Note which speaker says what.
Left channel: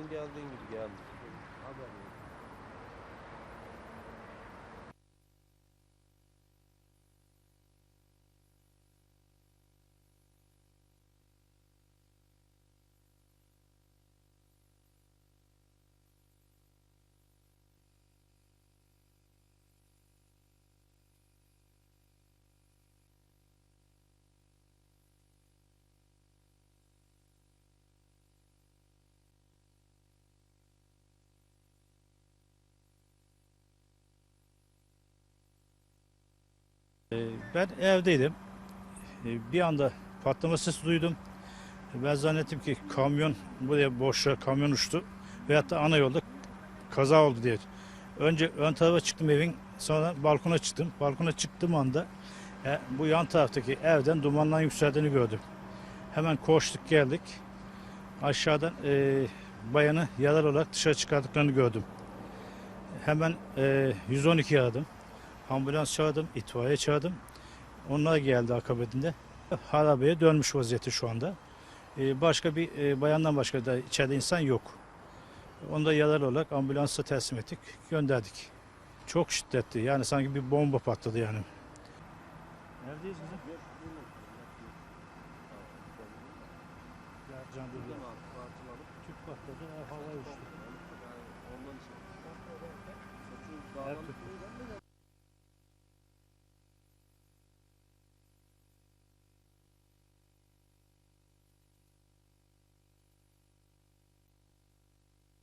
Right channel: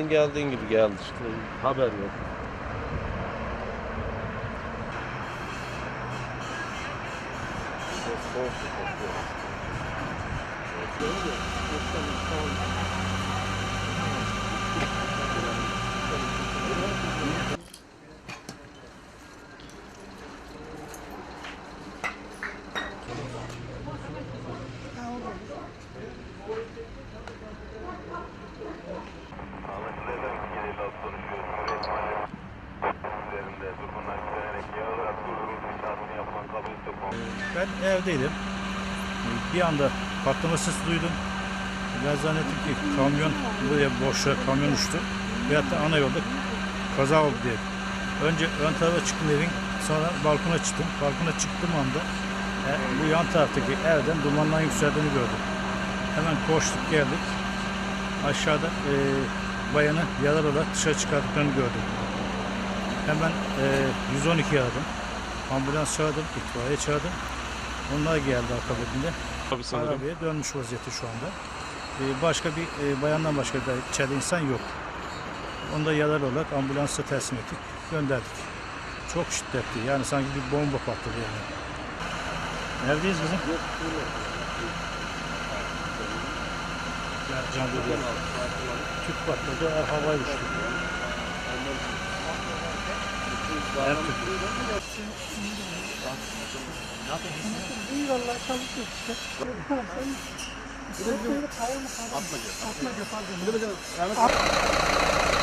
Speaker 1: geldiğin gibi geldi işte. Haber yok. Thank you. Ben evdeydim. Bir anda patlama ses duydum. Ben zannettim ki kamyon böyle boşa kamyon uçtu. Veyahut da ana yolda kaza oldu diye. Önce ön tarafa çıktım evin. Sonra balkona çıktım. Balkona çıktığım anda yani e, bu yan taraftaki evden dumandan yükseldiğini gördüm. Hemen koştuk geldik. Aşağıda e, bayanı yalar olarak dışarı çıkardıklarını gördüm. Hemen e, 112 aradım. Ambulans çağırdım, itfaiye çağırdım. Onlar geldi akabinde. Tabii sanırım. Arabaya dönmüş vaziyeti şu anda. Ee, başka bir e, bayandan başka da içeride insan yok. Onda yalar olarak ambulansa teslim ettik, gönderdik. Çok şiddetli yani sanki bir bomba patladı yani.
Speaker 2: Neredeyiz bizim? Can Gürler. Tüp patladı, havaya uçtu. Her tüp. Eyvallah çalışıyor işte. Atma gel. Atma gel. Atma gel.